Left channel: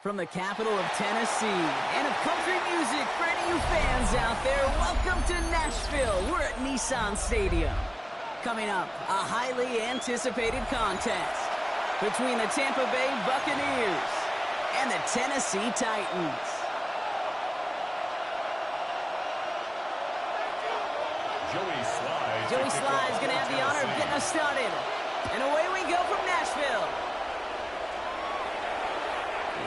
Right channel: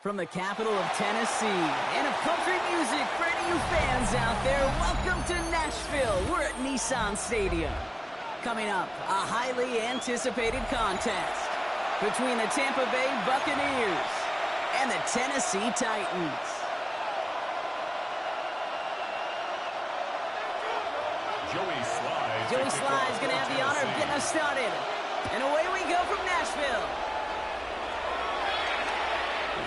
From the capital of Tennessee and of country music for any of you fans out there, welcome to Nashville. We're at Nissan Stadium. Coming up, a highly anticipated contest between the Tampa Bay Buccaneers and the Tennessee Titans. Joey Sly is going to have the honor of getting us started. And away we go from Nashville.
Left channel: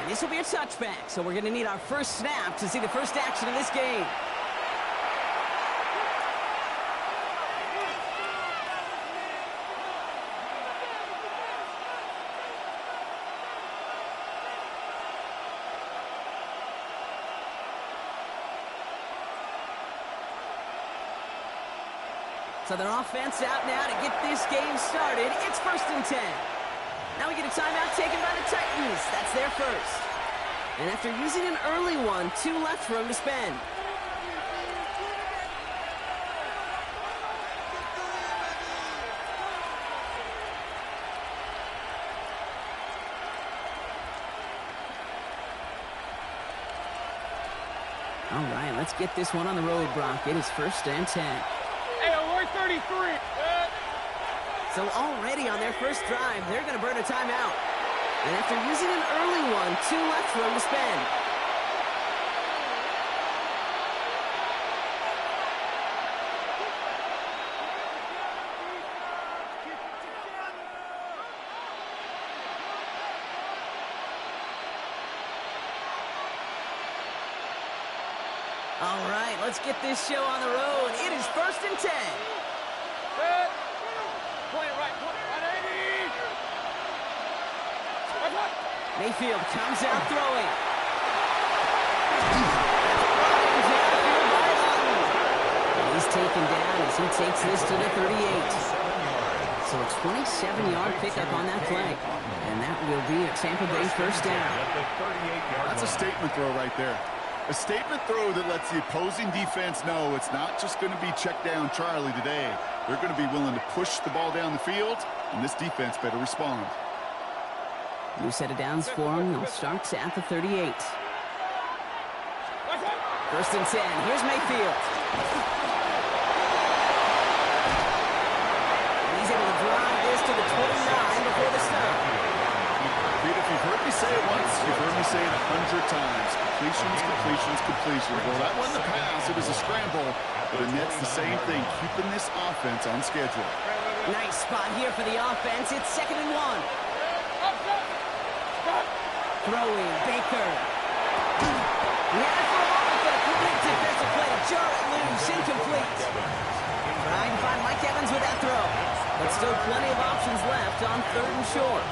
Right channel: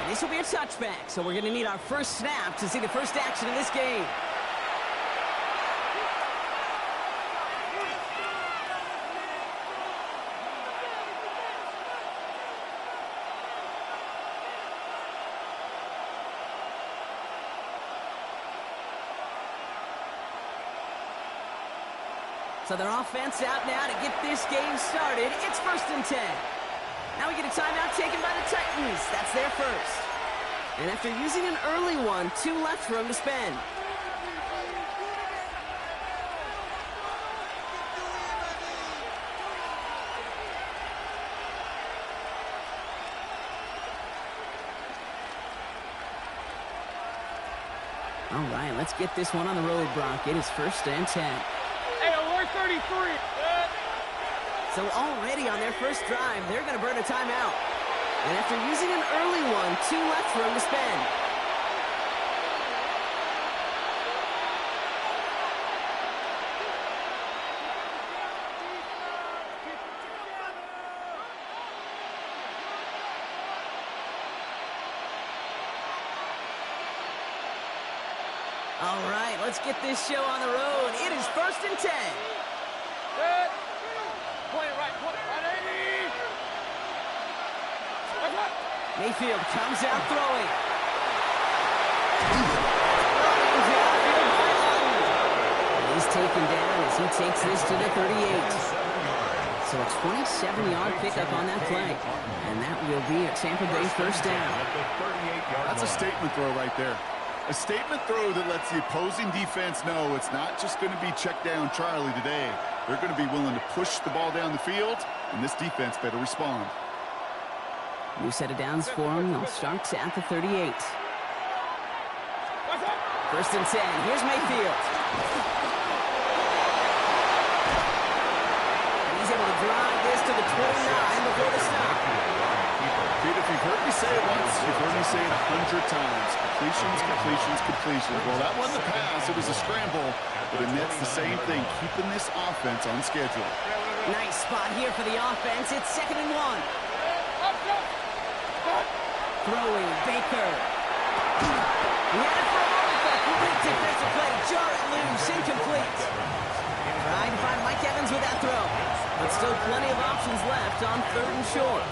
And this will be a touchback, so we're going to need our first snap to see the first action of this game. So their offense out now to get this game started. It's 1st and 10. Now we get a timeout taken by the Titans. That's their first. And after using an early one, 2 left for them to spend. All right, let's get this one on the road, Brock. It is 1st and 10. Hey, we're 33. So already on their first drive, they're going to burn a timeout. And after using an early one, 2 left for them to spend. All right, let's get this show on the road. It is 1st and 10. Good. Point it right, 80. Mayfield comes out throwing. And he's taken down as he takes this to the 38. So a 27-yard pickup on that play. And that will be a Tampa Bay first down. That's a statement throw right there. A statement throw that lets the opposing defense know it's not just going to be check down Charlie today. They're going to be willing to push the ball down the field, and this defense better respond. New set of downs for him. They'll start at the 38. 1st and 10. Here's Mayfield. And he's able to drive this to the 29 before the stop. Pete, if you've heard me say it once, you've heard me say it 100 times. Completions, completions, completions. Well, that wasn't a pass. It was a scramble. But it nets the same thing, keeping this offense on schedule. Nice spot here for the offense. It's 2nd and 1. Throwing, Baker. He had it for a moment, but a great defensive play to jar it loose. Incomplete. Trying to find Mike Evans with that throw. But still plenty of options left on 3rd and short.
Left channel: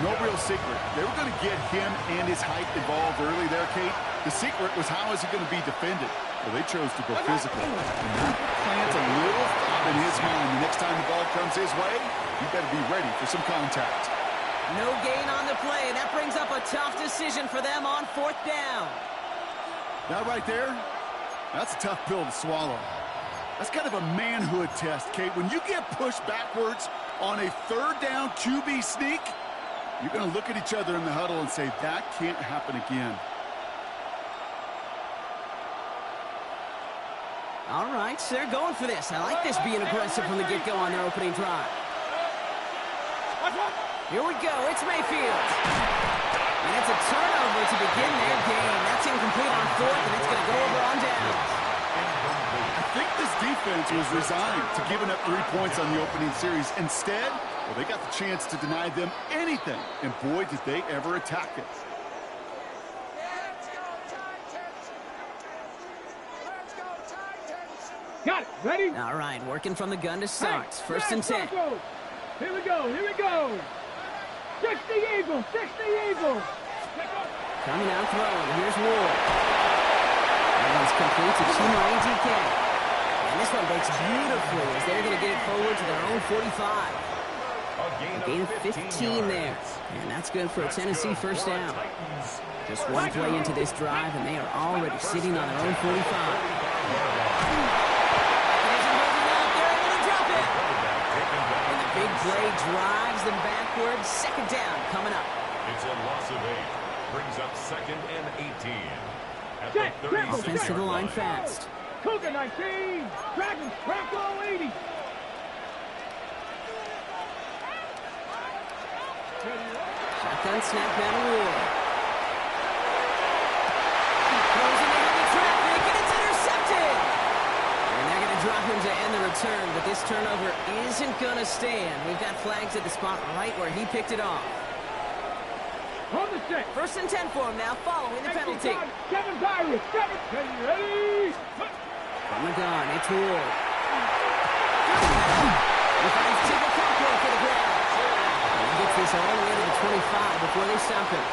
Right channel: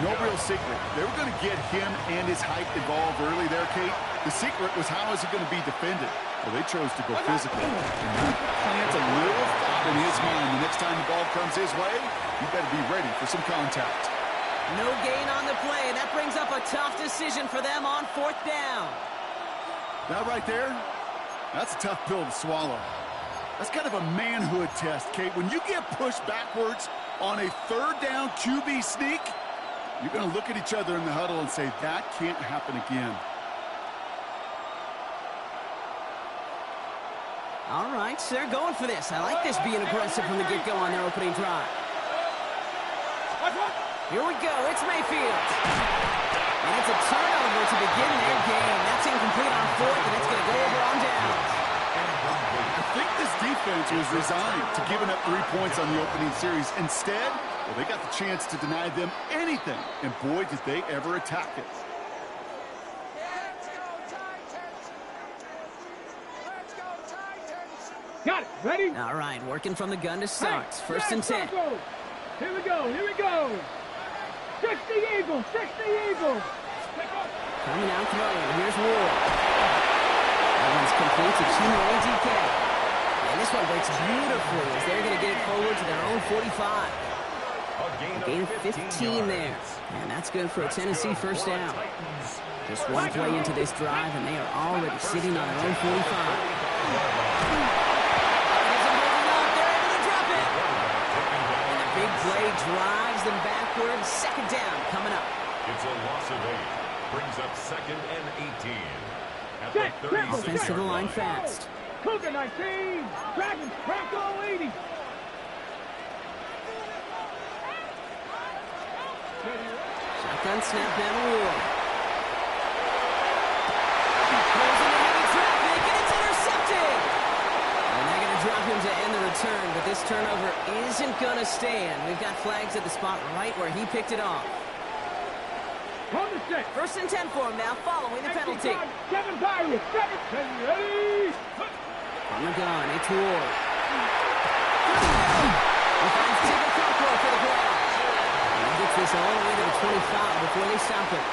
No real secret. They were going to get him and his height involved early there, Kate. The secret was how is he going to be defended? Well, they chose to go physical. And that plants a little thought in his mind. The next time the ball comes his way, he better be ready for some contact. No gain on the play. That brings up a tough decision for them on 4th down. That right there, that's a tough pill to swallow. That's kind of a manhood test, Kate. When you get pushed backwards on a 3rd down QB sneak, you're going to look at each other in the huddle and say, that can't happen again. All right, so they're going for this. I like this being aggressive from the get-go on their opening drive. Here we go. It's Mayfield. And it's a turnover to begin their game. That's incomplete on 4th, and it's going to go over on downs. I think this defense was resigned to giving up 3 points on the opening series. Instead, well, they got the chance to deny them anything, and boy, did they ever attack it. Got it. Ready? All right, working from the gun to start. 1st and 10. Here we go. 60 Eagles. Coming out throwing. Here's Ward. That one's complete to Chimere DK. And this one breaks beautifully as they're going to get it forward to their own 45. A gain of 15 there. And that's good for a Tennessee first down. Just one play into this drive, and they are already sitting on their own 45. Big play drives them backwards. 2nd down coming up. It's a loss of 8. brings up 2nd and 18. At Set, the 36 Offense to the line fast. Cougar 19. Dragons, Bronco 80. Shotgun snap down to Ward. Throws into heavy traffic, and it's intercepted. And they're going to drop him to end the return, but this turnover isn't going to stand. We've got flags at the spot right where he picked it off. On the set. 1st and 10 for him now, following the penalty. Kevin Byron, 7. Ready? From the gun, it's Ward. He finds Tigger Cockrell for the grab. And he gets this all the way to the 25 before they stop him.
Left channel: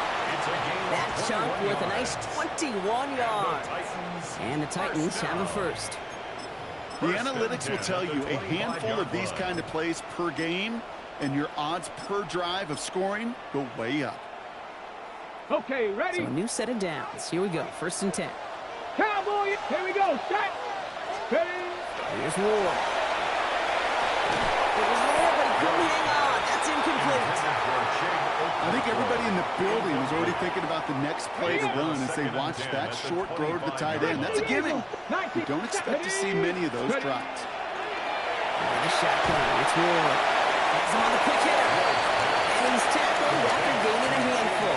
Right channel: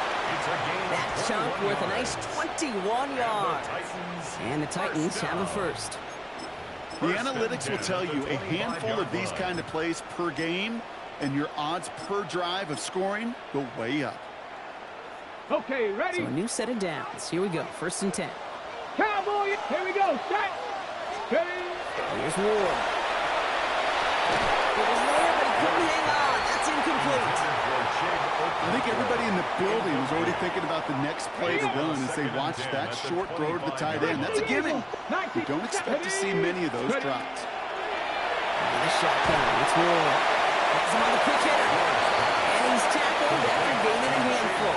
That chunk worth a nice 21 yards. And the Titans have a first. The analytics will tell you a handful of these kind of plays per game, and your odds per drive of scoring go way up. Okay, ready? So a new set of downs. Here we go, 1st and 10. Cowboy, here we go. Set. Ready? Here's Ward. It was there, but he couldn't hang on. That's incomplete. I think everybody in the building was already thinking about the next play to run as they watched that short throw to the tight end. That's a gimme. You don't expect to see many of those drops. And a shotgun. It's Ward. Has him on the quick hitter. And he's tackled after gaining a handful.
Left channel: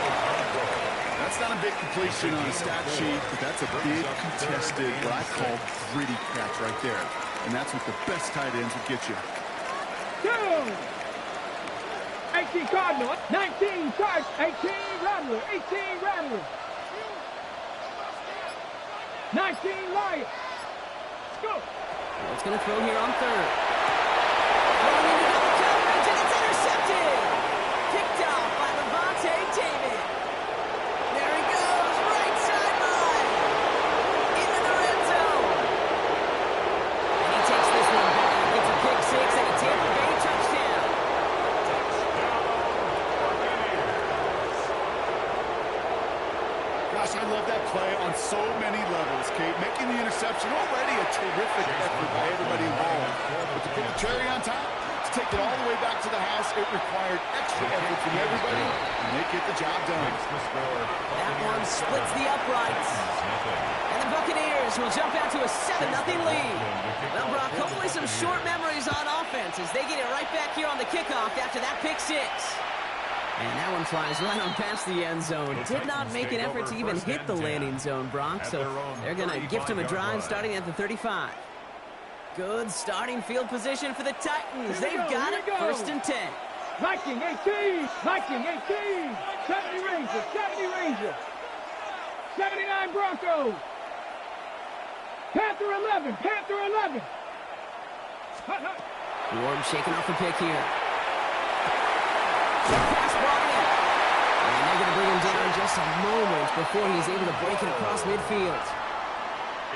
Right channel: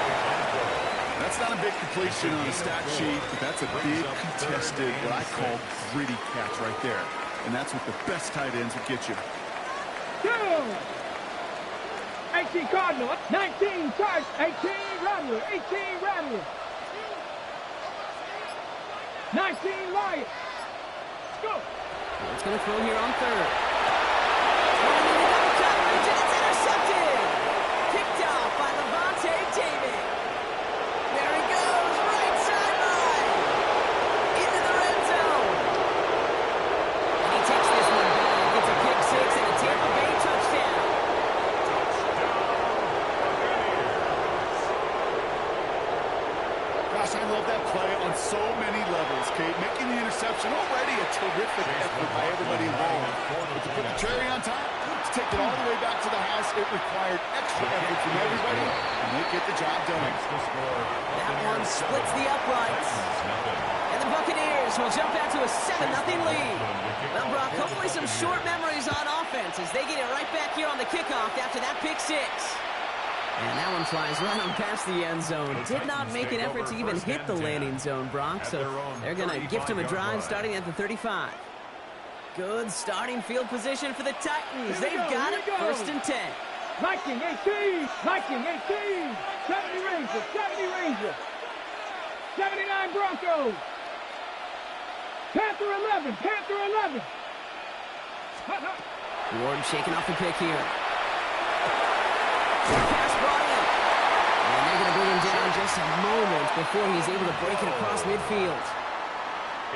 That's not a big completion on a stat sheet, but that's a big contested, what I call gritty catch right there. And that's what the best tight ends would get you. 18 Cardinal, 19 Charge, 18 Rattler, 18 Rattler. 19 Lion. Go. Ward's going to throw here on 3rd. Running into double coverage, and it's intercepted. Picked off by Levante David. There he goes, right sideline. Into the red zone. And he takes this one back. Gets a pick 6 and a Tampa Bay touchdown. Gosh, I love that play on so many levels, Kate. Making the interception, already a terrific effort by everybody involved. But to put the cherry on top, to take it all the way back to the house, it required extra effort from everybody, and they get the job done. That one splits the uprights. And the Buccaneers will jump out to a 7-0 lead. Well, Brock, hopefully some short memories on offense as they get it right back here on the kickoff after that pick 6. And that one flies right on past the end zone. Did not make an effort to even hit the landing zone, Brock, so they're going to gift him a drive starting at the 35. Good starting field position for the Titans. They've got it, 1st and 10. Viking 18, Viking 18, 70 Ranger, 70 Ranger, 79 Broncos, Panther 11, Panther 11. Ward shaking off the pick here. Short pass brought in. And they're going to bring him down just a moment before he's able to break it across midfield.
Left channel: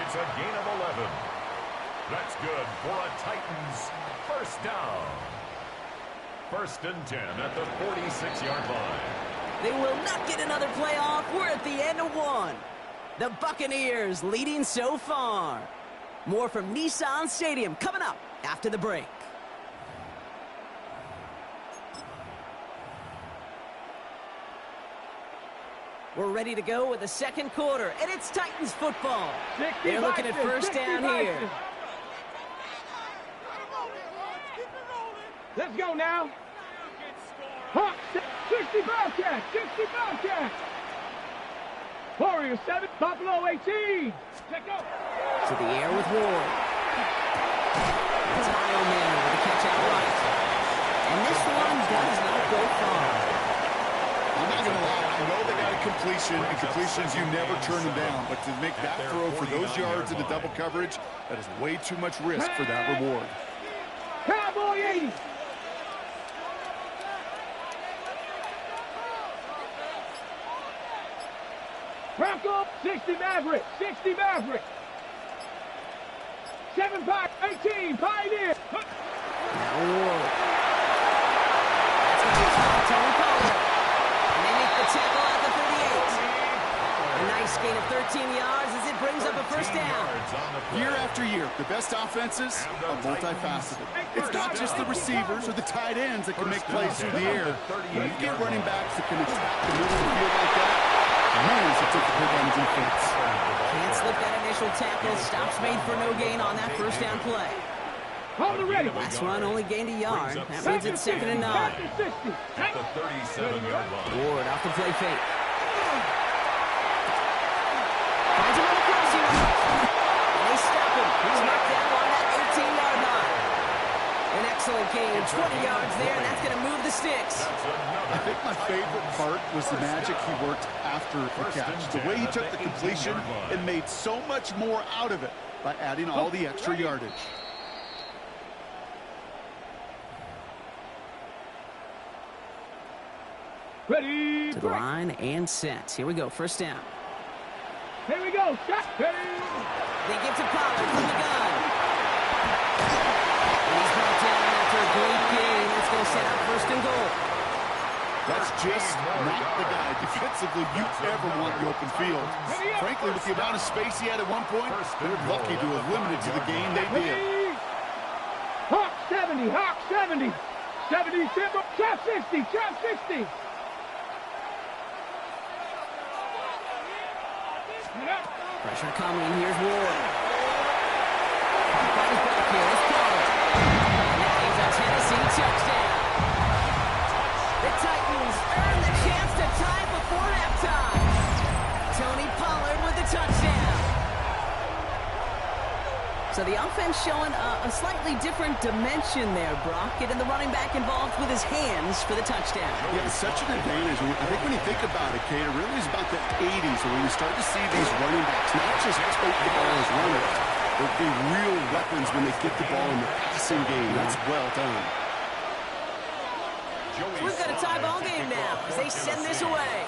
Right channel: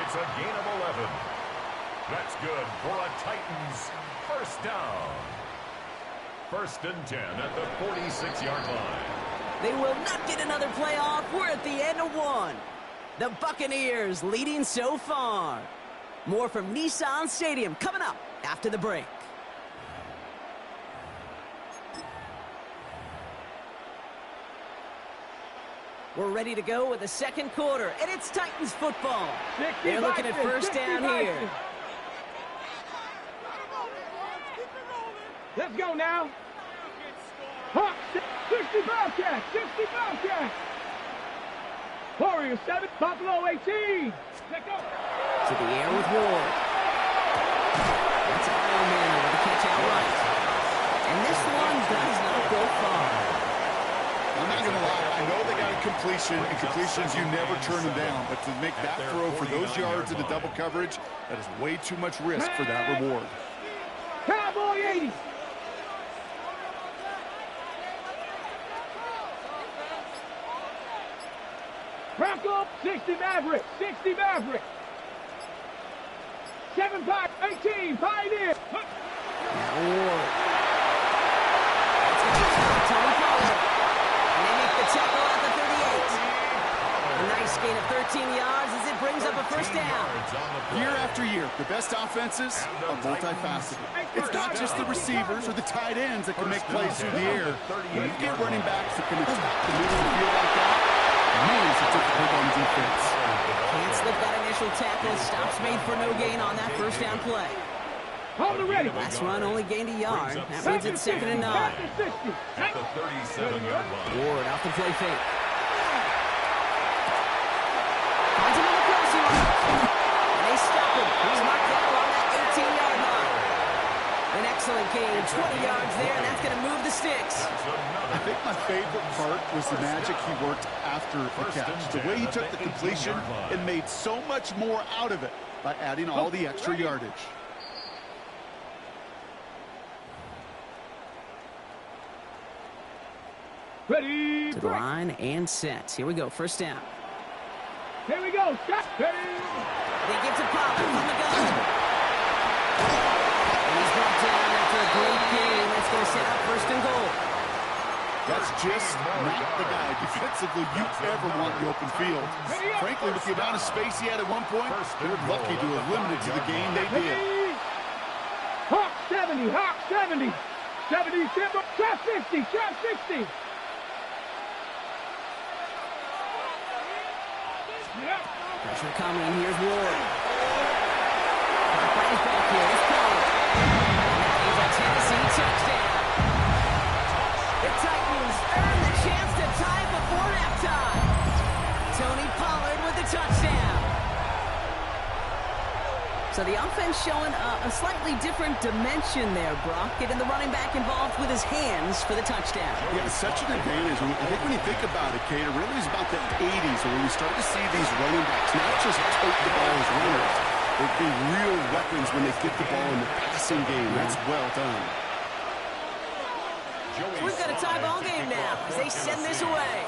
It's a gain of 11. That's good for a Titans first down. 1st and 10 at the 46-yard line. They will not get another play off. We're at the end of 1. The Buccaneers leading so far. More from Nissan Stadium coming up after the break. We're ready to go with the 2nd quarter, and it's Titans football. They're looking at 1st down here. Let's go now. Hawks, 60 Bobcats, 60 Bobcats. Warriors 7, Buffalo 18. Let's go. To the air with Ward. That's Io Manor with the catch outright. And this one does not go far. I'm not going to lie. I know they got a completion, and completions, you never turn them down. But to make that throw for those yards in the double coverage, that is way too much risk for that reward. Cowboy 80. Bronco 60 Maverick, 60 Maverick. 7 18 Pioneer. Now Ward. That's going to be top. Tony Pollard. And they make the tackle at the 38. A nice gain of 13 yards as it brings up a 1st down. Year after year, the best offenses are multifaceted. It's not just the receivers or the tight ends that can make plays through the air. When you get running backs that can attack the middle of the field like that, Man, it's a difficult on defense. Can't slip that initial tackle. Stops made for no gain on that first down play. Hold it ready. Last run only gained a yard. That means it's 2nd and 9. At the 37-yard line. Ward off the play fake. Finds him on the crossing route. And they stop him. He's marked down along that 18-yard line. An excellent gain, 20 yards there, and that's going to move the sticks. I think my favorite part was the magic he worked after the catch. The way he took the completion and made so much more out of it by adding all the extra yardage. Ready. To the line and set. Here we go, first down. Here we go. Shot. Ready. They get to Pollard from the gun. And he's brought down after a great gain. That's going to set up 1st and goal. That's just not the guy defensively you ever want in the open field. Frankly, with the amount of space he had at one point, they're lucky to have limited to the game they did. Hawk 70. Hawk 70. 70 Simba. Chop 60. Chop 60. Pressure coming. Here's Ward. Right his back here. It's Pollard. And that is a Tennessee touchdown. The Titans earn the chance to tie before halftime. Tony Pollard with the touchdown. So the offense showing a slightly different dimension there, Brock. Getting the running back involved with his hands for the touchdout. Yeah, it's such an advantage. I think when you think about it, Kate, it really is about the 80s when we start to see these running backs not just tote the ball as runners, but be real weapons when they get the ball in the passing game. That's well done. We've got a tie ball game now as they send this away.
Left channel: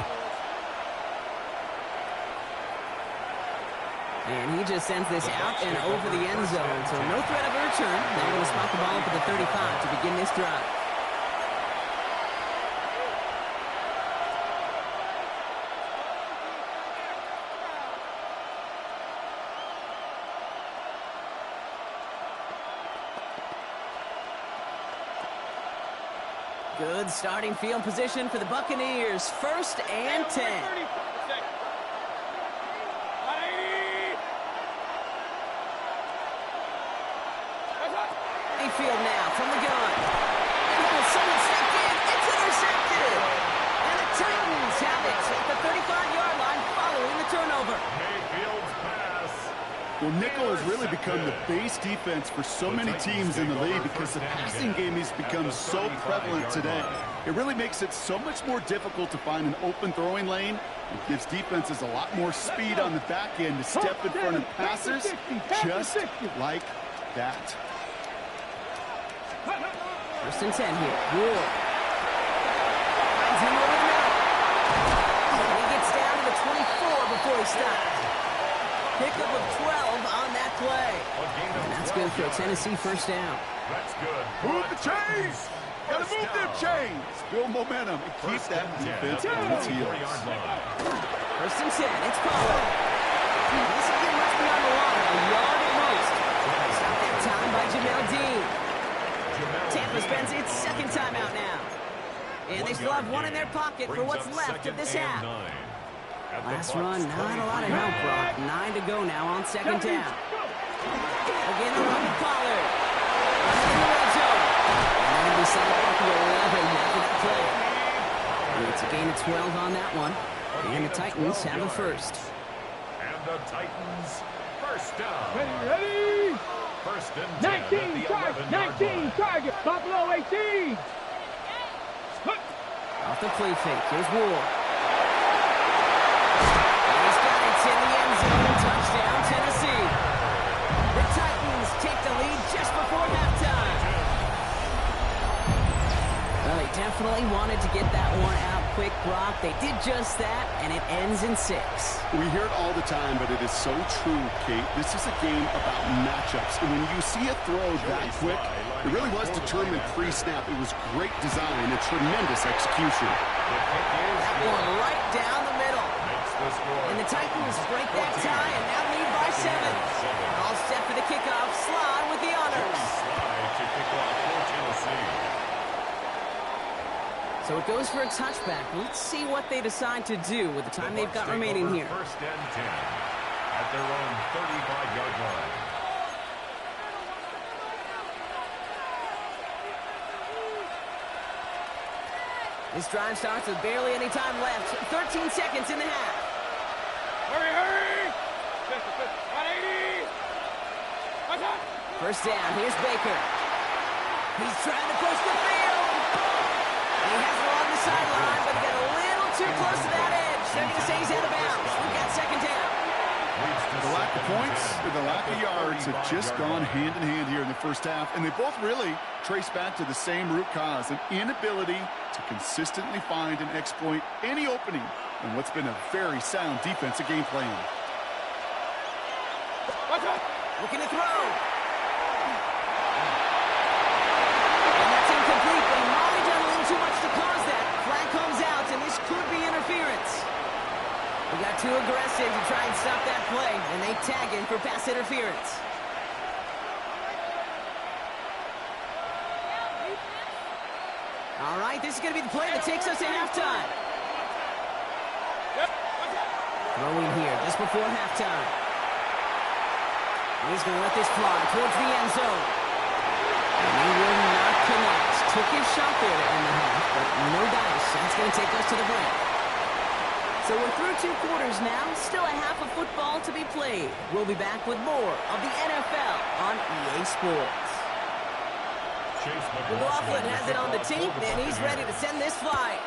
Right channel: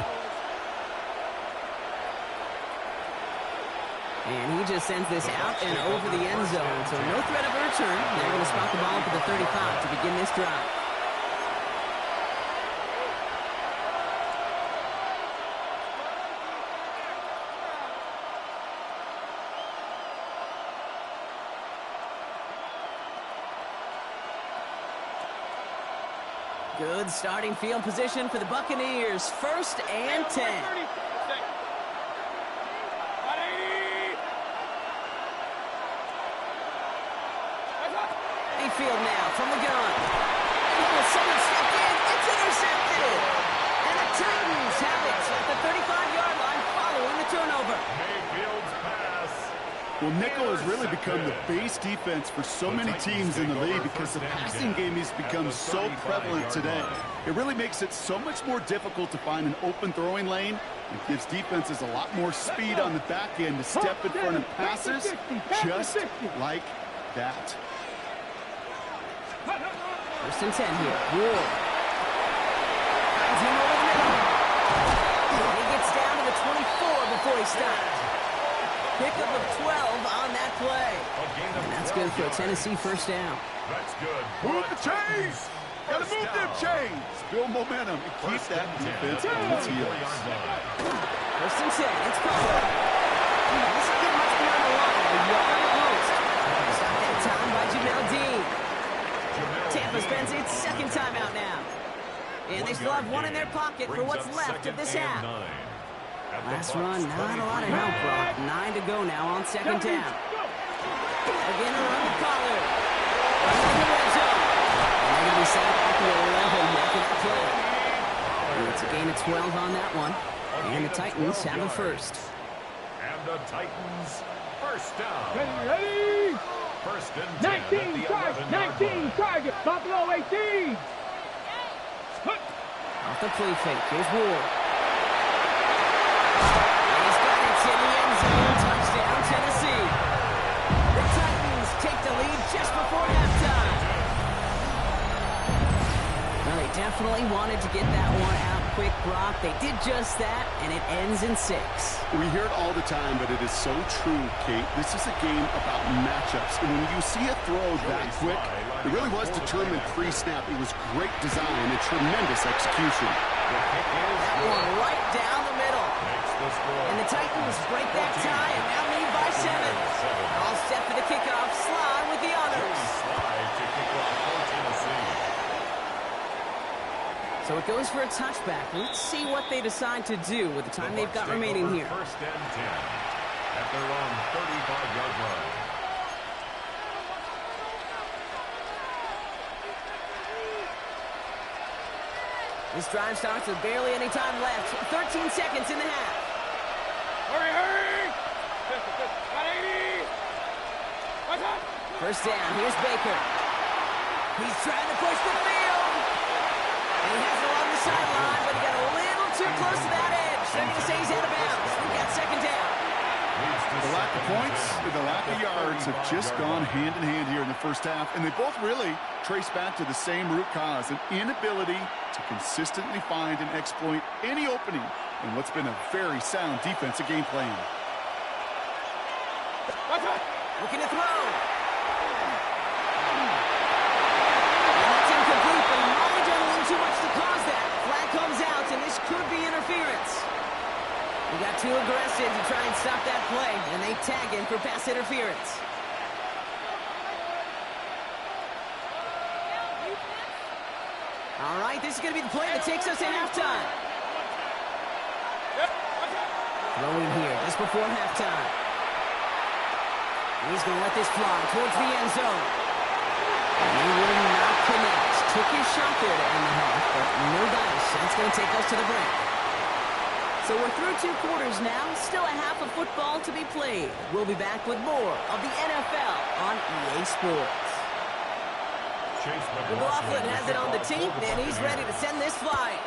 And he just sends this out and over the end zone. So no threat of a return. They're going to spot the ball up at the 35 to begin this drive. Good starting field position for the Buccaneers. 1st and 10. Field now from the gun. Oh, someone stepped in. It's intercepted. And the Titans have it at the 35-yard line following the turnover. Mayfield's pass. Well, nickel has really become the base defense for so many teams in the league because the passing game has become so prevalent today. It really makes it so much more difficult to find an open throwing lane. It gives defenses a lot more speed on the back end to step in front of passes just like that. 1st and 10 here. Ward finds him over the middle. And he gets down to the 24 before he stops. Pickup of 12 on that play. And that's good for a Tennessee 1st down. That's good. Move the chains! Gotta move them chains! Build momentum and keep that defense on its heels. 1st and 10. It's Pollard. This will get much beyond the line. A yard at most. Stop that time by Jamel Dean. Tampa spends its 2nd timeout now. And they still have one in their pocket for what's left of this half. Last run, not a lot of help, Brock. 9 to go now on 2nd down. Again, a run with Pollard. Running in the red zone. And they're going to be sent back to 11 after that play. It's a gain of 12 on that one. And the Titans have a 1st. And the Titans 1st down. Ready. 1st and 10 19 target. 19 target. Buffalo 18. Off the play fake. Here's Ward. And he's got it in the end zone. Touchdown, Tennessee. The Titans take the lead just before halftime. Well, they definitely wanted to get that one out quick, Brock. They did just that, and it ends in 6. We hear it all the time, but it is so true, Kate. This is a game about matchups. And when you see a throw that quick, it really was determined pre-snap. It was great design and tremendous execution. That one right down the middle. And the Titans break that tie and now lead by 7. All set for the kickoff. Slide with the honors. Slide to kick off for Tennessee. So it goes for a touchback. Let's see what they decide to do with the time they've got remaining here. First and 10 at their own 35-yard line. This drive starts with barely any time left. 13 seconds in the half. Hurry, hurry! 180! First down, here's Baker. He's trying to push the field. And he has it along the sideline, but he got a little too close to that edge. They're going to say he's out of bounds. We've got second down. The lack of points and the lack of yards have just gone hand in hand here in the first half, and they both really trace back to the same root cause, an inability to consistently find and exploit any opening in what's been a very sound defensive game plan. Looking to throw. And that's incomplete, but he might have done a little too much to cause that. Flag comes out, and this could be interference. We got too aggressive to try and stop that play, and they tag him for pass interference. All right, this is going to be the play that takes us to halftime. Throwing here just before halftime. And he's going to let this fly towards the end zone. And he will not connect. Took his shot there to end the half, but no dice. That's going to take us to the break. So we're through 2 quarters now. Still a half of football to be played. We'll be back with more of the NFL on EA Sports. McLaughlin has it on the tee, and he's ready to send this flying.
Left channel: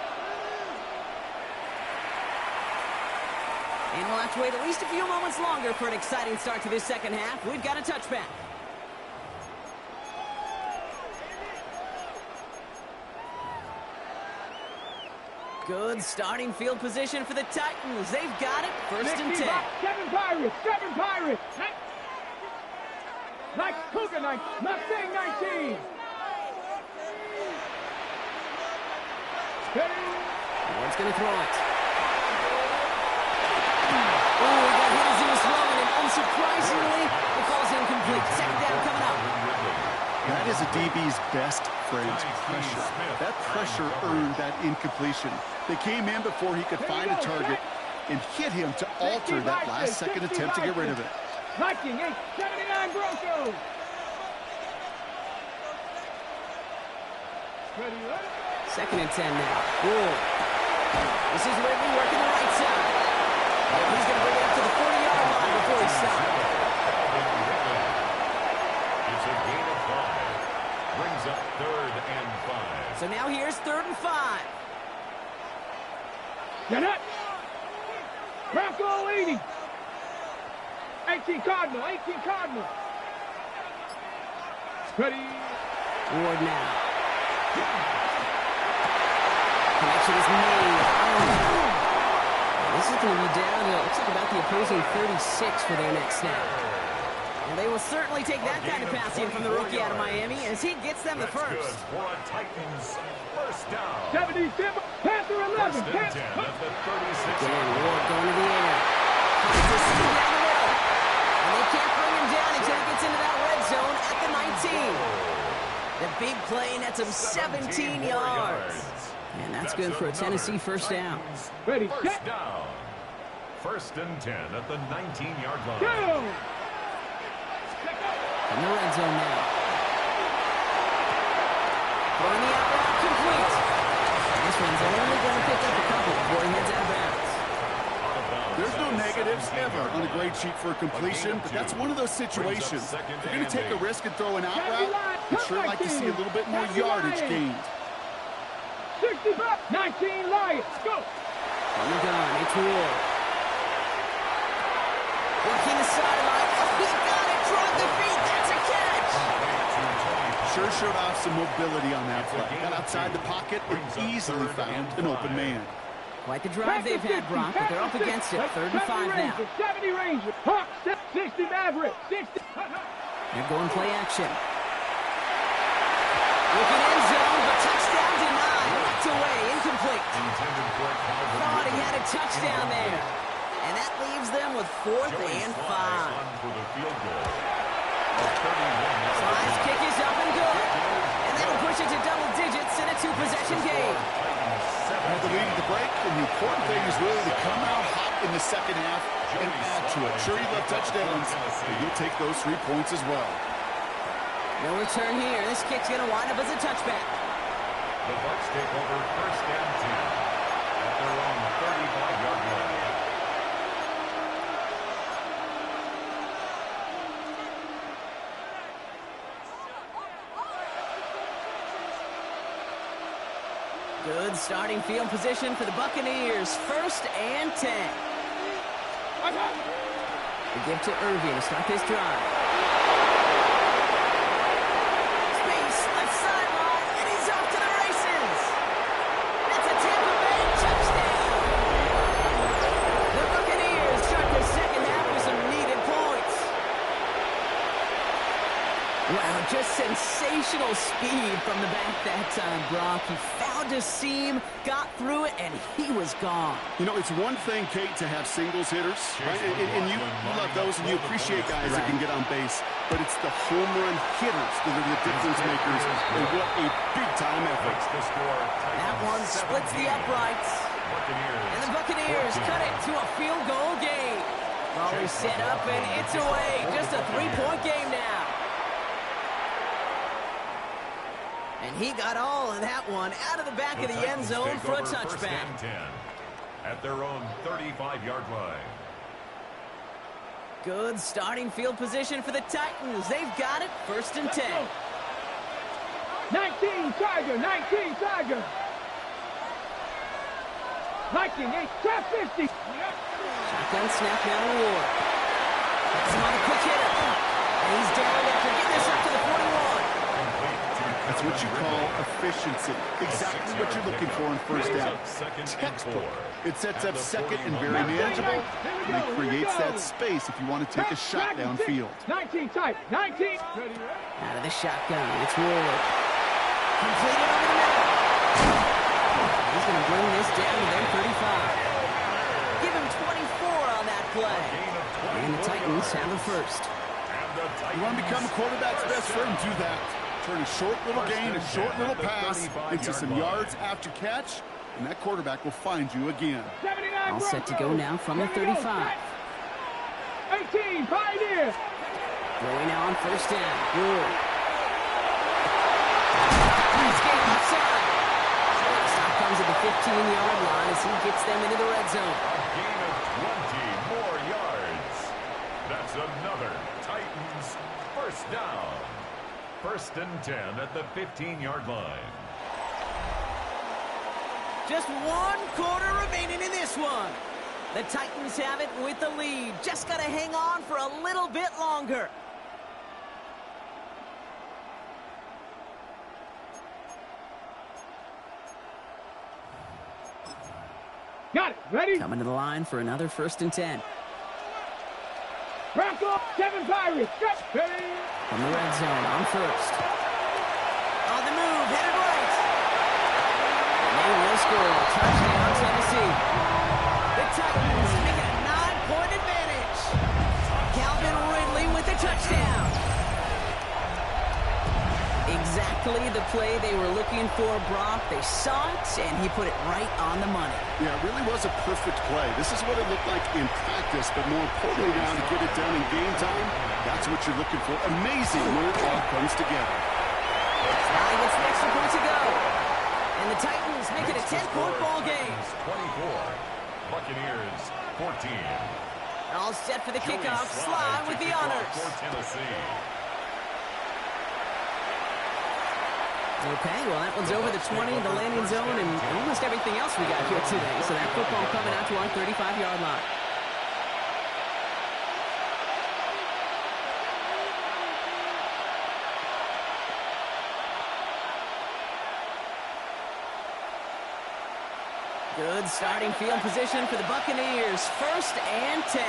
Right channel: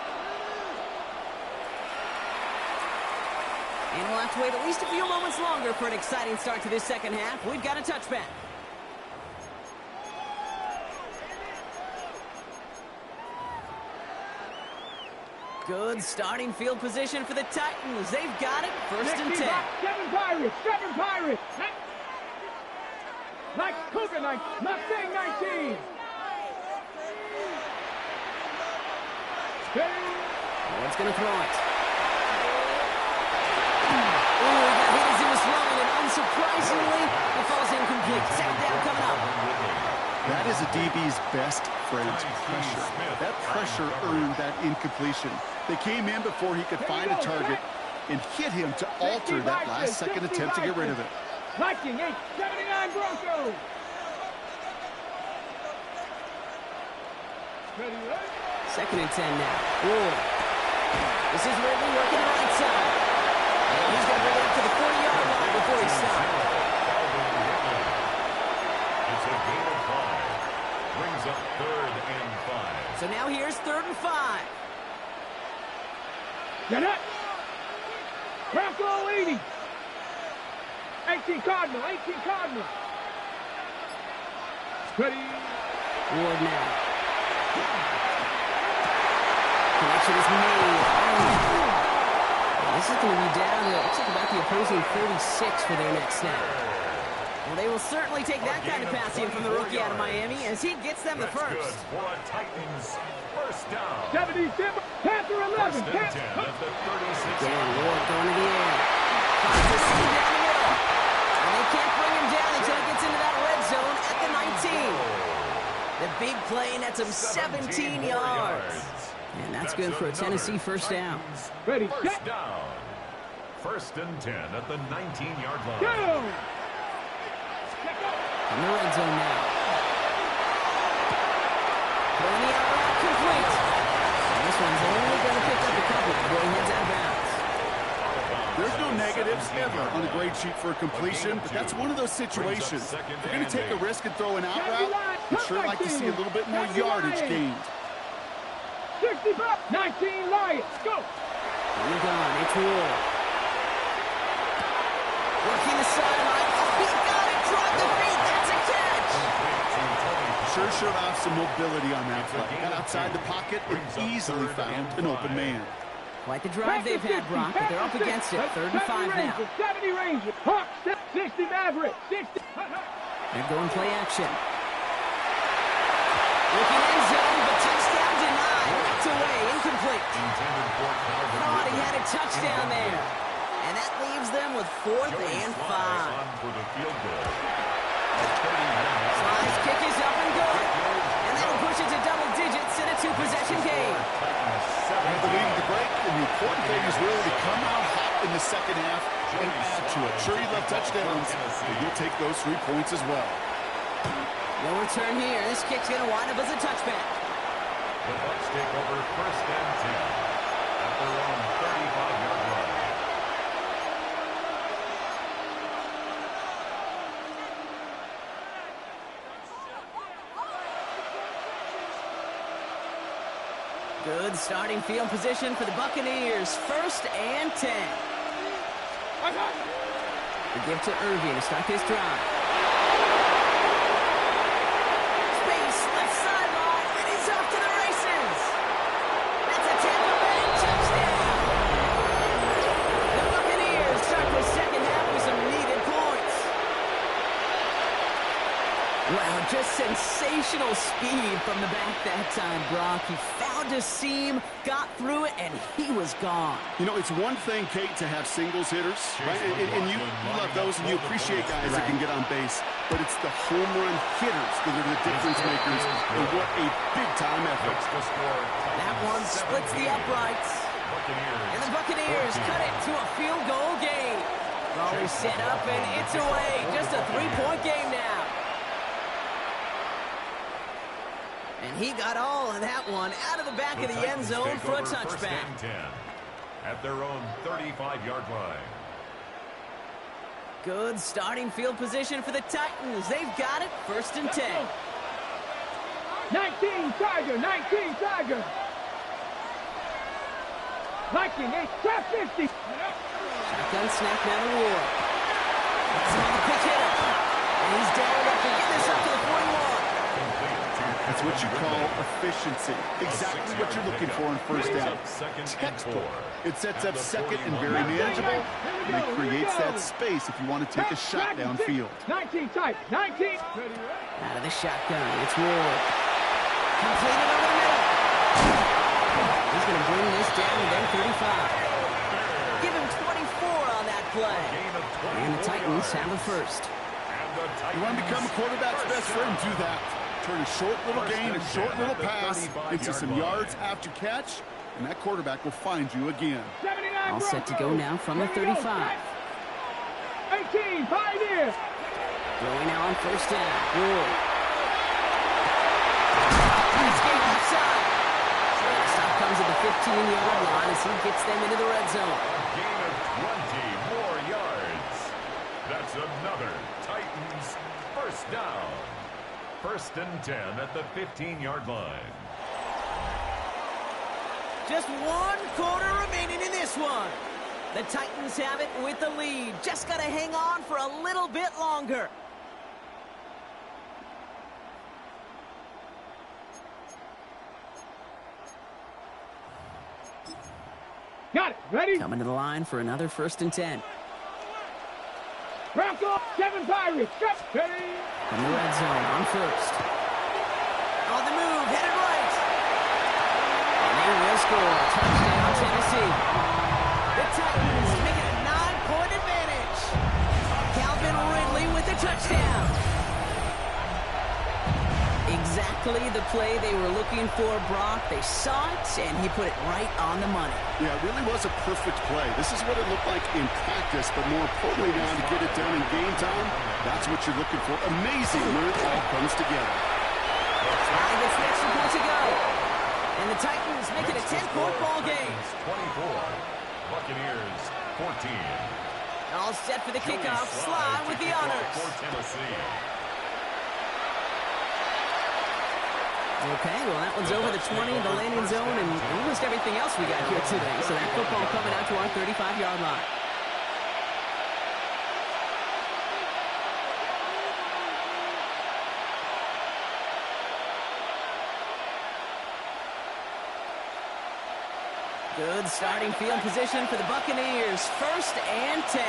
And we'll have to wait at least a few moments longer for an exciting start to this second half. We've got a touchback. Good starting field position for the Titans. They've got it. First and 10. 7 Pirates. 7 Pirates. Like Coconut. Mustang 19. Ward's going to throw it. Oh, he got hit as he was throwing, and unsurprisingly, it falls incomplete. Second down coming up. That is a DB's best friend, pressure. That pressure earned that incompletion. They came in before he could find a target and hit him to alter that last-second attempt to get rid of it. Viking 879 Broncos. Second and 10 now. Ward. This is Ridley working the right side. And he's going to bring it up to the 40-yard line before he stops. It's a gain of 5. Brings up 3rd and 5. So now here's 3rd and 5. Get up. Bronco 80. 18 Cardinal. 18 Cardinal. Ready. Ward now. Connection is made. And this is going to be down to, it looks like about the opposing 36 for their next snap. Well, they will certainly take that kind of passing from the rookie out of Miami as he gets them the first. Good for a Titans first down. 77, Panther 11. First and 10 at the 36. Again, Ward going to the air. Finds the seam down the middle. And they can't bring him down until he gets into that red zone at the 19. The big play nets him 17 yards. And that's good for a Tennessee first down. Ready, first down. First and 10 at the 19-yard line. Go! From the red zone now. Throwing the out route complete. And this one's only going to pick up a couple before he heads out of bounds. There's no negatives ever on a grade sheet for a completion, but that's one of those situations. If you're going to take a risk and throw an out route, I'd sure like to see a little bit more yardage gained. 65, 19 Lions, go! From the gun, it's Ward. Working the sideline. Oh, he got it. Drop the feet. That's a catch. Sure showed off some mobility on that play. Got outside the pocket and easily found an open man. Quite the drive they've had, Brock, but they're up against it. 3rd and 5 now. 70 Rangers, Hawks, 60 Mavericks, 60. They're going play action. Looking end zone, but touchdown denied. Knocked away, incomplete. Thought he had a touchdown there. And that leaves them with 4th and 5. For the field goal. Slice kick is up and good. And that'll push it to double digits in a two-possession game. Had the lead at the break, and the important thing is really to come out hot in the second half and add to it. Sure, you love touchdowns, but you'll take those 3 points as well. No return here. This kick's going to wind up as a touchback. The Bucs take over 1st and 10 at their own 35-yard line. Good starting field position for the Buccaneers. 1st and 10. The give to Irving to start this drive. Space, left sideline, and he's off to the races. That's a Tampa Bay touchdown. The Buccaneers start the second half with some needed points. Wow, just sensational speed from the back that time, Brock. He found a seam, got through it, and he was gone. You know, it's one thing, Kate, to have singles hitters, right? And you love those, and you appreciate guys that can get on base. But it's the home run hitters that are the difference makers, and what a big-time effort. That one splits the uprights. And the Buccaneers cut it to a field goal game. Ball is set up, and it's away. Just a 3-point game now. And he got all of that one out of the back of the end zone for a touchback. 1st and 10 at their own 35-yard line. Good starting field position for the Titans. They've got it. 1st and 10. 19 Tiger, 19 Tiger. Liking a top 50. Shotgun snap now to Ward. That's him on the quick hitter. And he's down after getting this up to the 41. That's what you call efficiency. Exactly what you're looking for in 1st down. Textbook. It sets up 2nd and very manageable, and it creates that space if you want to take a shot downfield. 19 type, 19. Out of the shotgun, it's Ward. Completed over the middle. He's going to bring this down to their 35. Give him 24 on that play. And the Titans have a 1st. You want to become a quarterback's best friend, do that. Turn a short little gain, a short little pass into some yards after catch, and that quarterback will find you again. All set to go now from the 35. 18, Pioneer. Throwing now on 1st down. Ward. Escape left side. The stop comes at the 15-yard line as he gets them into the red zone. A gain of 20 more yards. That's another Titans 1st down. 1st and 10 at the 15-yard line. Just 1 quarter remaining in this one. The Titans have it with the lead. Just got to hang on for a little bit longer. Got it. Ready? Coming to the line for another 1st and 10. Bronco, 7 Pirates. Ready? From the red zone on 1st. On the move, headed right. And they will score. Touchdown, Tennessee. The Titans make it a 9-point advantage. Calvin Ridley with the touchdown. Exactly the play they were looking for, Brock. They saw it, and he put it right on the money. Yeah, it really was a perfect play. This is what it looked like in practice, but more importantly now to get it done in game time, that's what you're looking for. Amazing when it all comes together. Sky gets the extra point to go. And the Titans make it a 10-point ball game. 24. Buccaneers 14. All set for the kickoff. Sly with the honors. For Tennessee. Okay, well, that one's over the 20, the landing zone, and almost everything else we got here today. So that football coming out to our 35-yard line. Good starting field position for the Buccaneers. 1st and 10.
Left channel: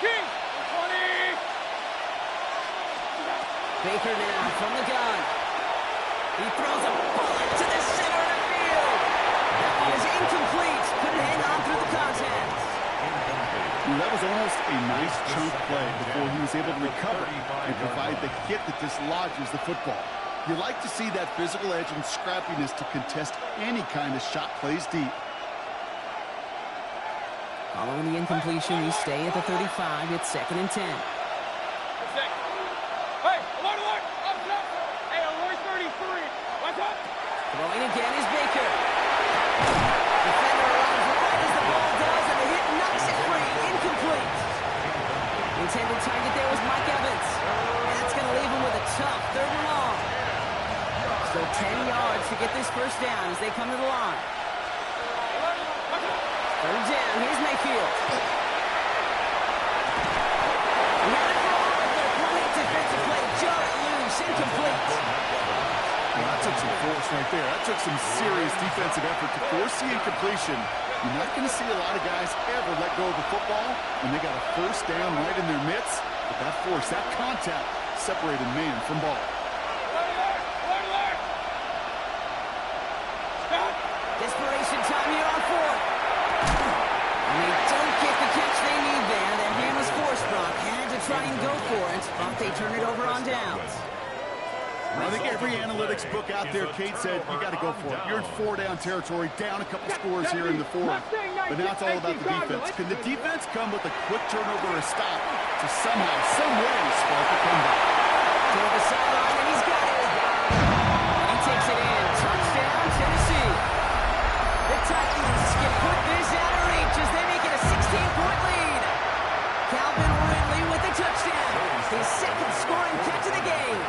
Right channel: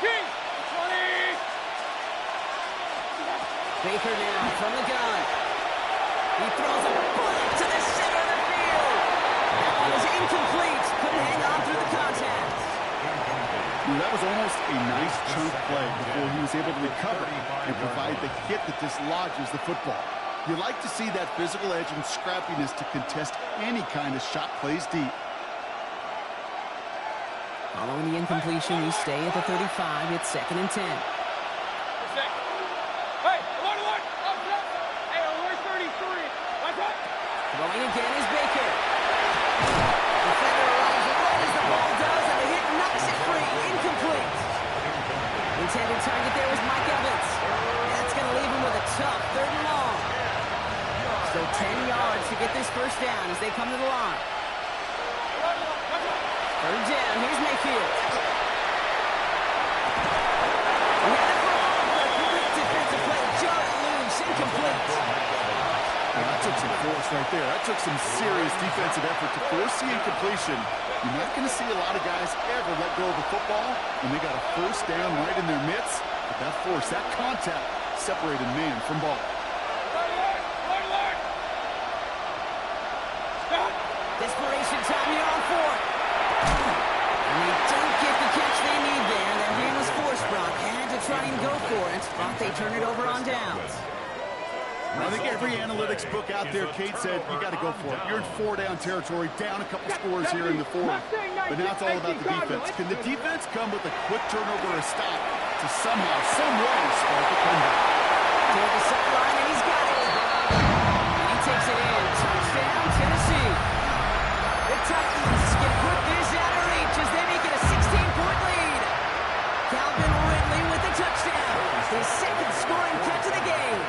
King, 20. Baker now from the gun. He throws a bullet to the center of the field. That one is incomplete. Couldn't hang on through the contact. You That was almost a nice chunk play before he was able to recover and provide the hit that dislodges the football. You like to see that physical edge and scrappiness to contest any kind of shot plays deep. Following the incompletion, we stay at the 35. It's 2nd and 10. Hey, alert! Hey, alert 33. What's up? Throwing again is Baker. Defender arrives right as the ball does, and the hit knocks it free. Incomplete. Intended target there was Mike Evans. And that's going to leave him with a tough 3rd and long. Still 10 yards to get this first down as they come to the line. 3rd down. Here's Mayfield. He had it for all. Great defensive play. Jar it loose. Incomplete. Well, that took some force right there. That took some serious defensive effort to force the incompletion. You're not going to see a lot of guys ever let go of the football when they got a first down right in their midst. But that force, that contact, separated man from ball. Desperation time here on 4th. And they don't get the catch they need there. Their hand was forced, Brock. Had to try and go for it, but they turn it over on downs. I think every analytics book out there, Kate, said you got to go for it. You're in 4-down territory, down a couple scores here in the 4th. But now it's all about the defense. Can the defense come with a quick turnover or a stop to somehow, some way, spark a comeback? Toward the sideline, and he's got it. And he takes it in. Touchdown, Tennessee. The Titans can put this out of reach as they make it a 16-point lead. Calvin Ridley with the touchdown. His 2nd scoring catch of the game.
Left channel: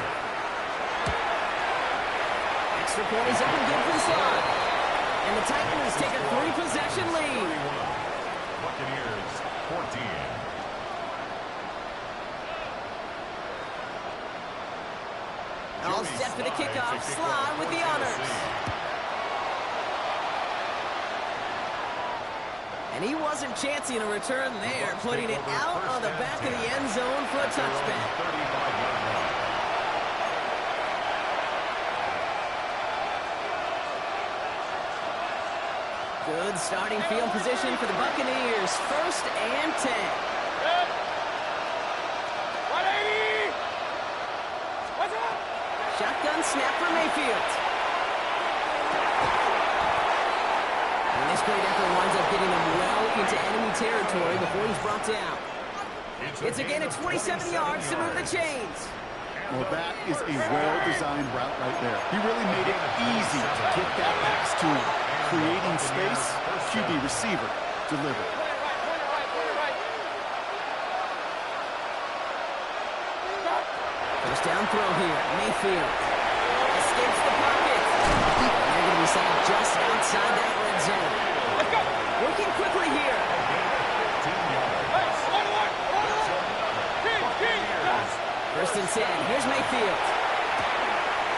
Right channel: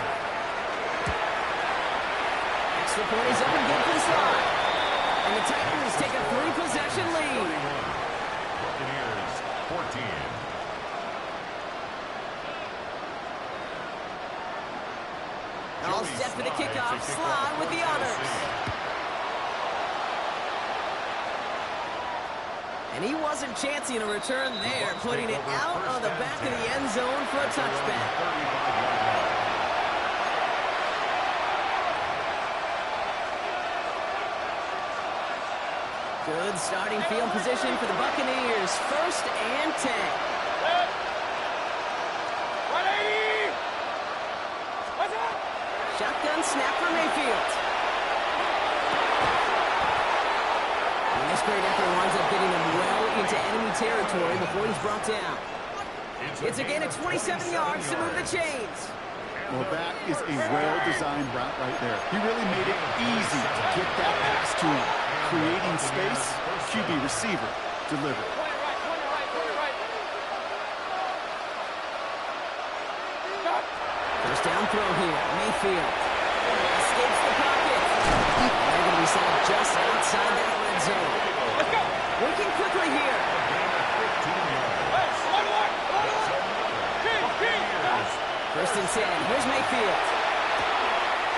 Extra point is up and good for the slide. And the Titans take a 3-possession lead. 31. Buccaneers 14. All set for the kickoff. Slide with the honors. And he wasn't chancing a return there, putting it out on the back of the end zone for a touchback. 35-yard line. Good starting field position for the Buccaneers. 1st and 10. 180. What's up? Shotgun snap for Mayfield. And this great effort winds up getting them well into enemy territory before he's brought down. It's a gain of 27 yards to move the chains. Well, that is a well-designed route right there. He really made it easy to get that pass to him. Creating space, QB receiver, delivered. Point it right. First down throw here. Mayfield escapes the pocket. And they're going to be set up just outside that red zone. Let's go. Working quickly here. A gain of 15 yards. First and 10. Here's Mayfield.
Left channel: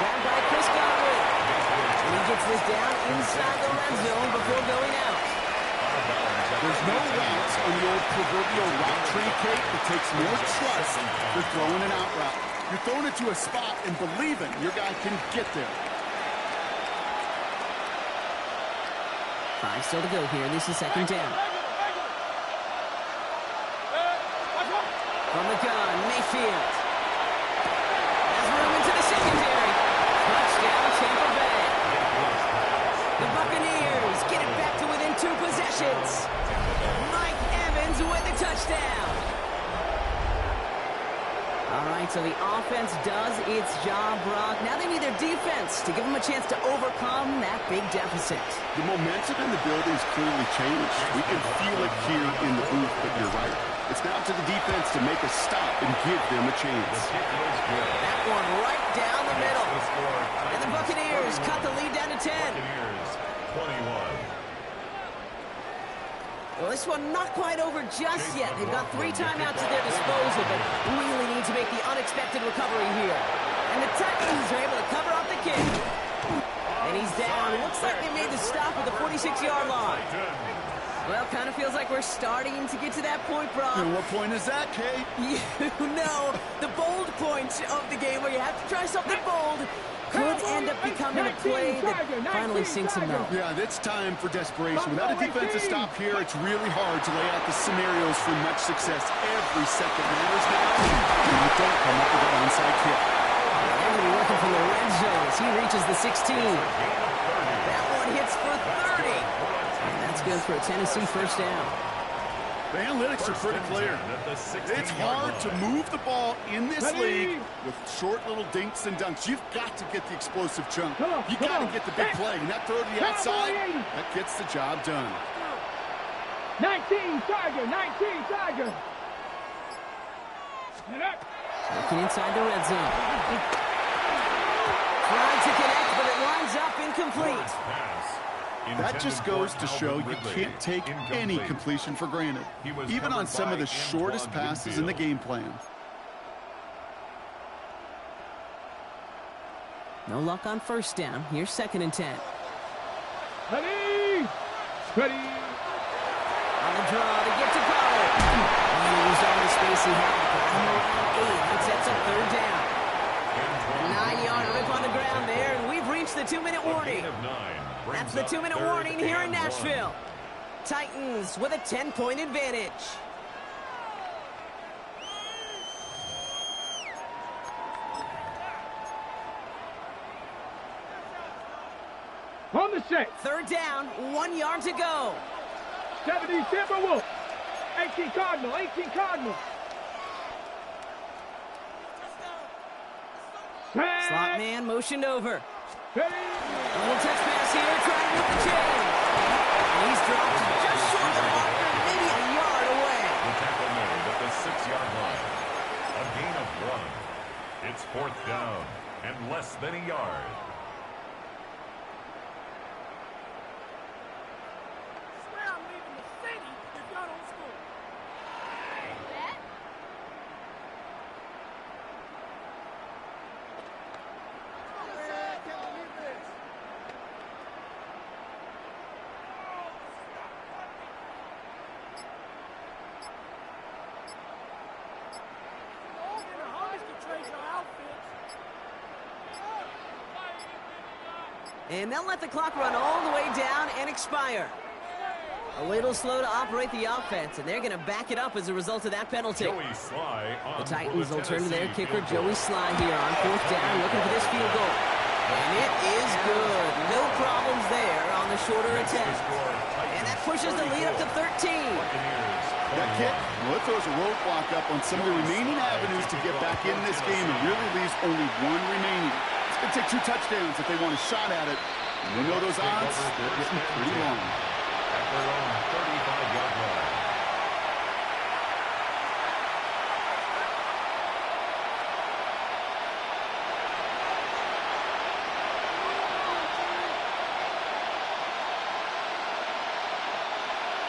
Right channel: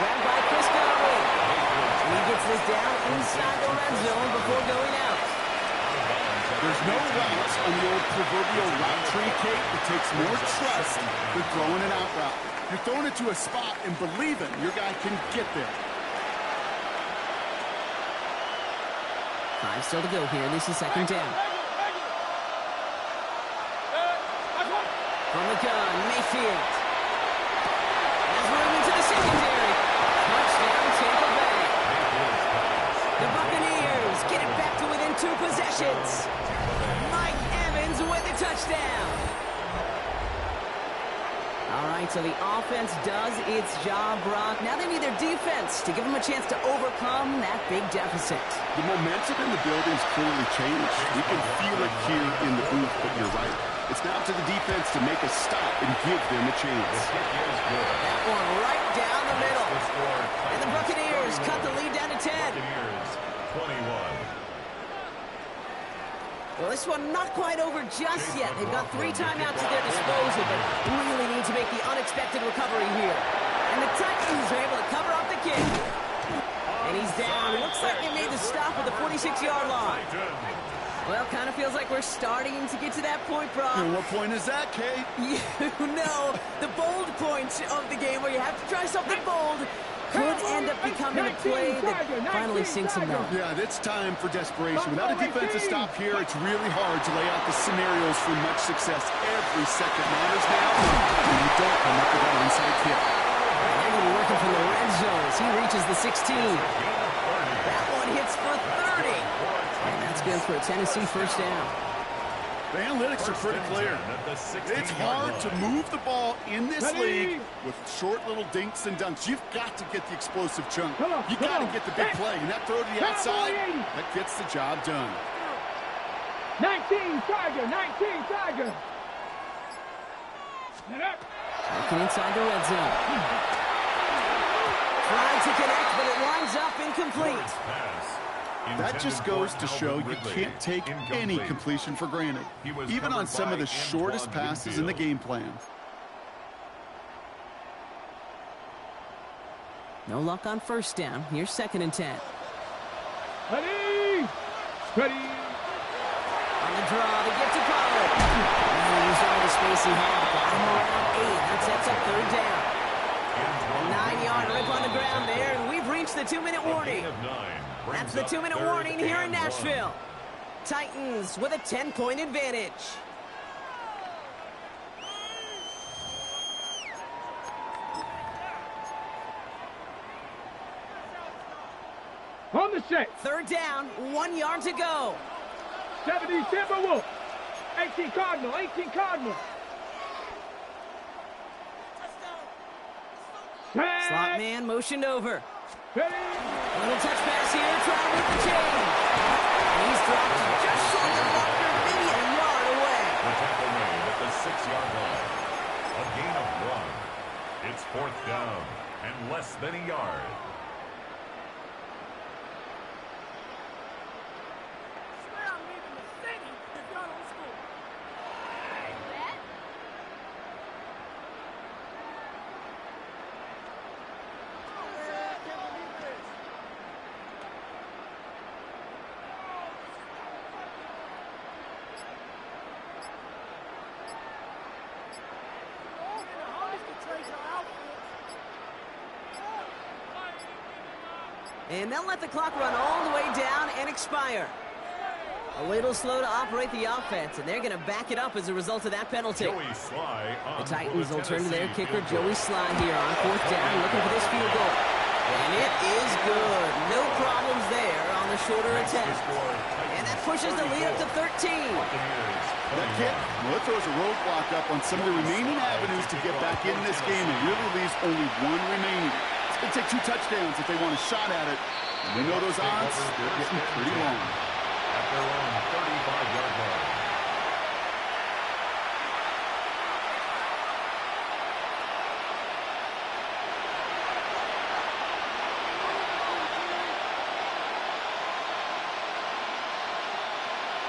Grabbed by Chris Godwin. And he gets this down inside the red zone before going out. There's no routes on the old proverbial route tree, Kate. It takes more trust than throwing an out route. You're throwing it to a spot and believing your guy can get there. 5 still to go here. This is 2nd down. From the gun, Mayfield. Has room into the secondary. Touchdown, Tampa Bay. The Buccaneers get it back to within 2 possessions. Mike Evans with a touchdown. All right, so the offense does its job, Brock. Now they need their defense to give them a chance to overcome that big deficit. The momentum in the building's clearly changed. We can feel it here in the booth, but you're right. It's now to the defense to make a stop and give them a chance. That one right down the middle. And the Buccaneers cut the lead down to 10. Buccaneers 21. Well, this one not quite over just yet. They've got 3 timeouts at their disposal, but really need to make the unexpected recovery here. And the Titans are able to cover up the kick. And he's down. Looks like they made the stop at the 46-yard line. Well, kind of feels like we're starting to get to that point, Brock. And what point is that, Kate? You know, the bold point of the game where you have to try something bold Could end up becoming a play that finally sinks him, though. Yeah, it's time for desperation. Without a defensive stop here, it's really hard to lay out the scenarios for much success. Every second matters now, and you don't come up with that onside kick. And they're going to be working from the red zone as he reaches the 16. That one hits for 30. And that's good for a Tennessee first down. The analytics are pretty clear. It's hard to move the ball in this league with short little dinks and dunks. You've got to get the explosive chunk. You got to get the big play. And that throw to the outside, that gets the job done. 19 Tiger, 19 Tiger. Looking inside the red zone. Trying to connect, but it winds up incomplete. That just goes to show you can't take any completion for granted, even on some of the shortest passes in the game plan. No luck on first down. Here's 2nd and 10. Ready. Ready. On the draw to get to Pollard. And he used all the space he had. Got him around 8. That sets up 3rd down. A 9-yard rip on the ground there, and we've reached the 2-minute warning. That's the 2-minute warning here in Nashville. Titans with a 10-point advantage. On the set. 3rd down, 1 yard to go. 70 Timberwolf. 18 Cardinal, 18 Cardinal. Slot man motioned over. Ready. A little touch pass here, trying to move the chains. And he's dropped just short of the marker, maybe a yard away. The tackle made at the 6-yard line. A gain of 1. It's 4th down and less than a yard. And they'll let the clock run all the way down and expire. A little slow to operate the offense, and they're going to back it up as a result of that penalty. The Titans will turn to their kicker, Joey Sly, here on 4th down, looking for this field goal. And it is good. No problems there on the shorter attempt. And that pushes the lead up to 13. That kick, well, it throws a roadblock up on some of the remaining avenues to get back in this game and really leaves only 1 remaining. It's going to take 2 touchdowns if they want a shot at it. And they know those odds, they're getting pretty long. At their own 35-yard line.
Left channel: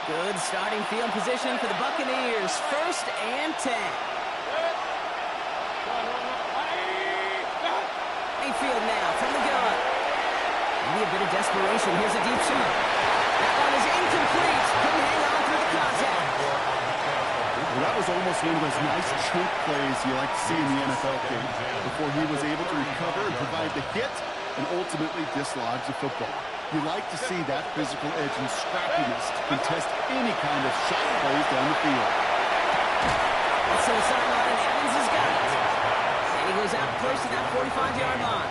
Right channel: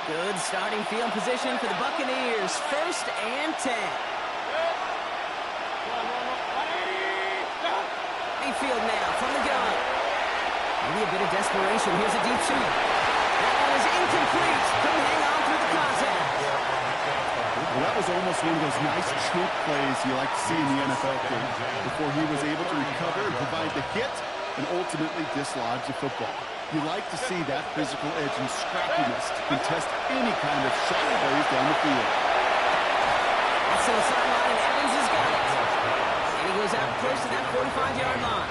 Good starting field position for the Buccaneers. 1st and 10. Mayfield now from the gun. Maybe a bit of desperation. Here's a deep shot. That one is incomplete. Couldn't hang on through the contact. Well, that was almost one of those nice chunk plays you like to see in the NFL game before he was able to recover and provide the hit and ultimately dislodge the football. You like to see that physical edge and scrappiness to contest any kind of shot plays down the field. That's to the sideline, and Evans has got it. And he goes out close to that 45-yard line.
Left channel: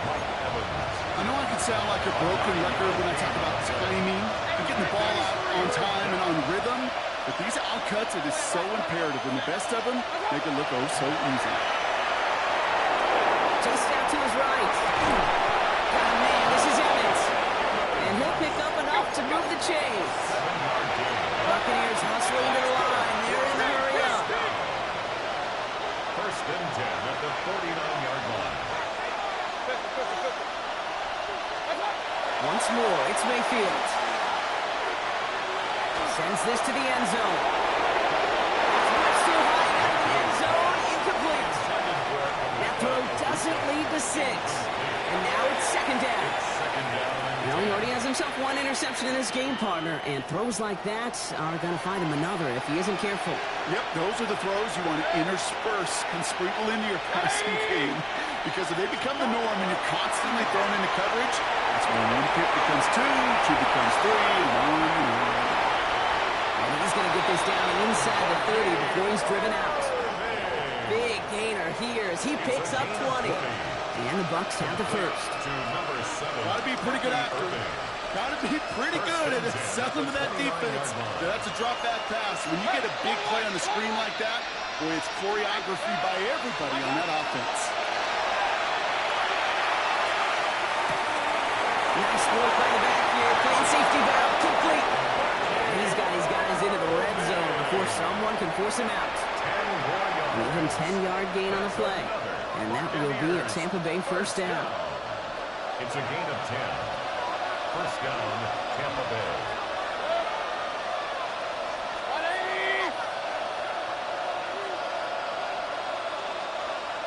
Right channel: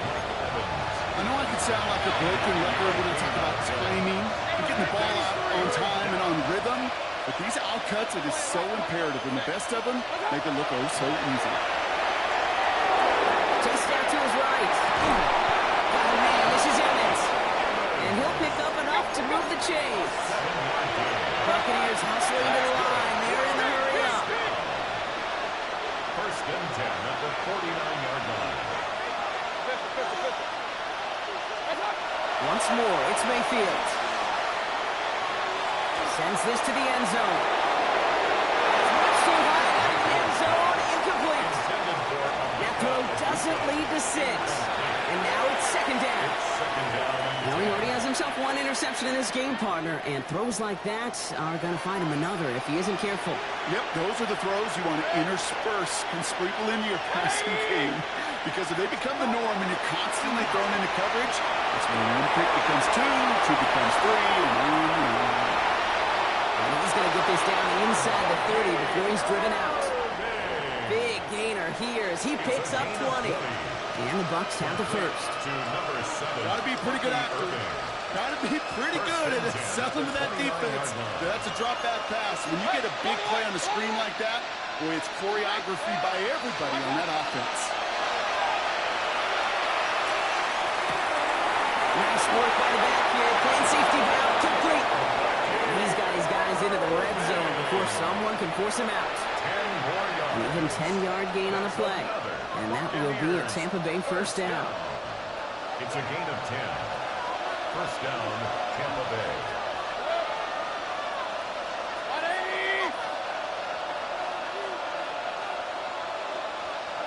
I know I can sound like a broken record when I talk about timing and getting the ball out on time and on rhythm, but these outcuts, it is so imperative, and the best of them make it look oh so easy. Chased out to his right. Got a man, this is Evans. And he'll pick up enough to move the chains. Buccaneers hustling to the line. They're in the hurry up. 1st and 10 at the 49-yard line. Once more, it's Mayfield. Sends this to the end zone. That's much too high and out of the end zone. Incomplete. That throw doesn't lead to 6. And now it's 2nd down. Now he already has himself 1 interception in this game, partner, and throws like that are going to find him another if he isn't careful. Yep, those are the throws you want to intersperse and sprinkle into your passing game. Because if they become the norm and you're constantly thrown into coverage, that's when one pick becomes two, two becomes three, and on and on. And he's going to get this down inside the 30 before he's driven out. Big gainer here as he picks up 20. And the Bucs have the first. Got to be pretty good after. Got to be pretty good at selling to that defense. That's a drop back pass. When you get a big play on the screen like that, boy, it's choreography by everybody on that offense. Nice work by the back here. Playing safety valve complete. And he's got his guys into the red zone before someone can force him out. An even 10-yard gain on the play. And that will be a Tampa Bay first down. It's a gain of 10. First down, Tampa Bay.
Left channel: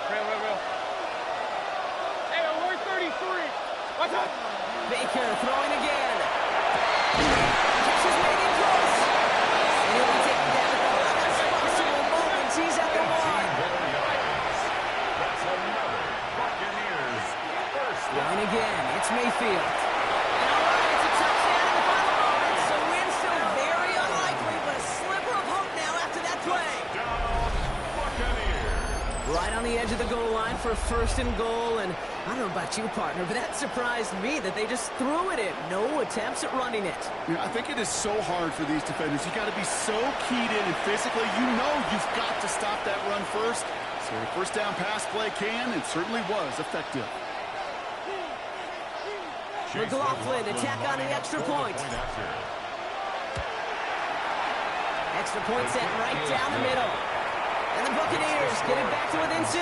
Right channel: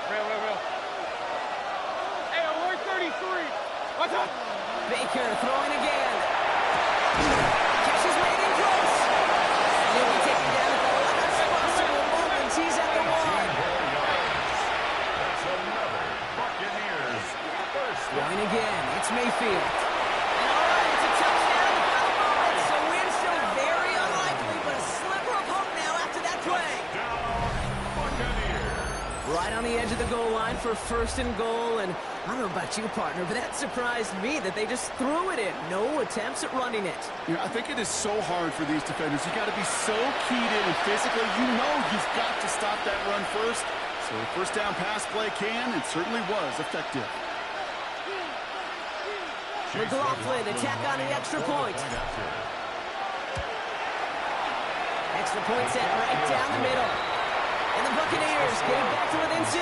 Real. Hey, we're 33. What's up? Baker throwing again. Catch is made in close. And he'll be taken down at the last possible moment. He's at the one. That's another Buccaneers first down. Going again. It's Mayfield. And all right, it's a touchdown in the final moments. So win still very unlikely, but a sliver of hope now after that play. Down Buccaneers. Right on the edge of the goal line for first and goal. And I don't know about you, partner, but that surprised me that they just threw it in. No attempts at running it. I think it is so hard for these defenders. You got to be so keyed in and physically, you know you've got to stop that run first. So a first down pass play can and certainly was effective. McLaughlin to tack on the extra point. Extra point set right down the middle. And the Buccaneers get it back to within 6. 34.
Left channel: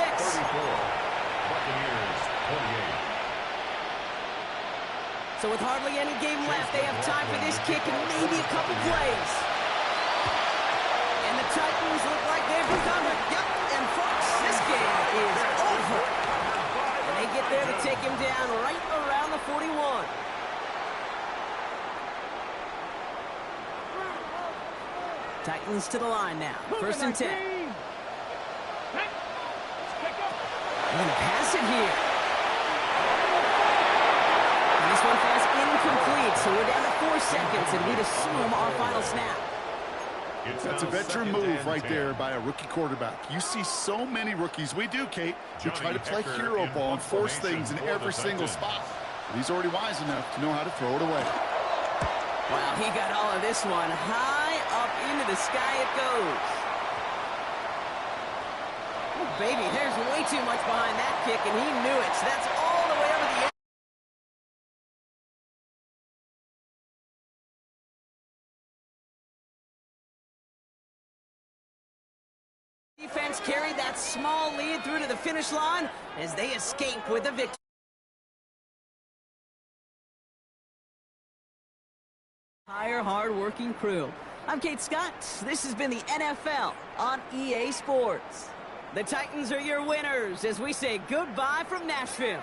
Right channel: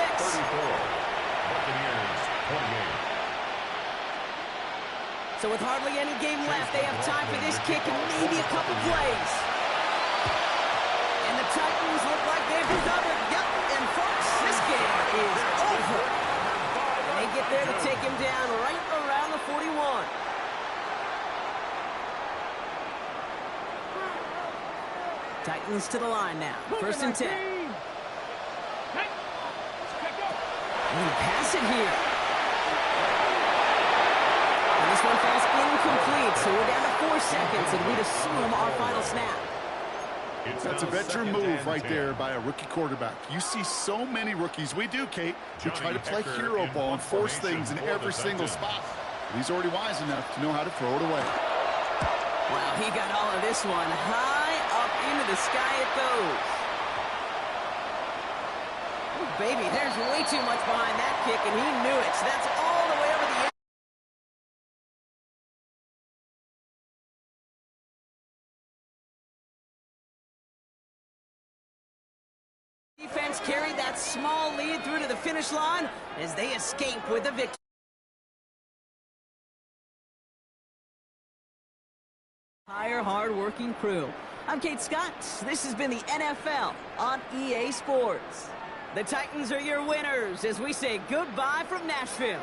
Buccaneers 28. So with hardly any game left, they have time for this kick and maybe a couple plays. And the Titans look like they've recovered. Yep, and folks, this game is over. And they get there to take him down right around the 41. Titans to the line now. First and 10. They're going to pass it here. And this one falls incomplete, so we're down to 4 seconds, and we'd assume our final snap. That's a veteran move right there by a rookie quarterback. You see so many rookies. We do, Kate. We try to play hero ball and force things in every single spot. But he's already wise enough to know how to throw it away. Wow, he got all of this one. High up into the sky it goes. Oh, baby, there's way too much behind that kick, and he knew it. So that's all the way over the end. Defense carried that small lead through to the finish line as they escape with a victory. Entire hard-working crew. I'm Kate Scott. This has been the NFL on EA Sports. The Titans are your winners as we say goodbye from Nashville.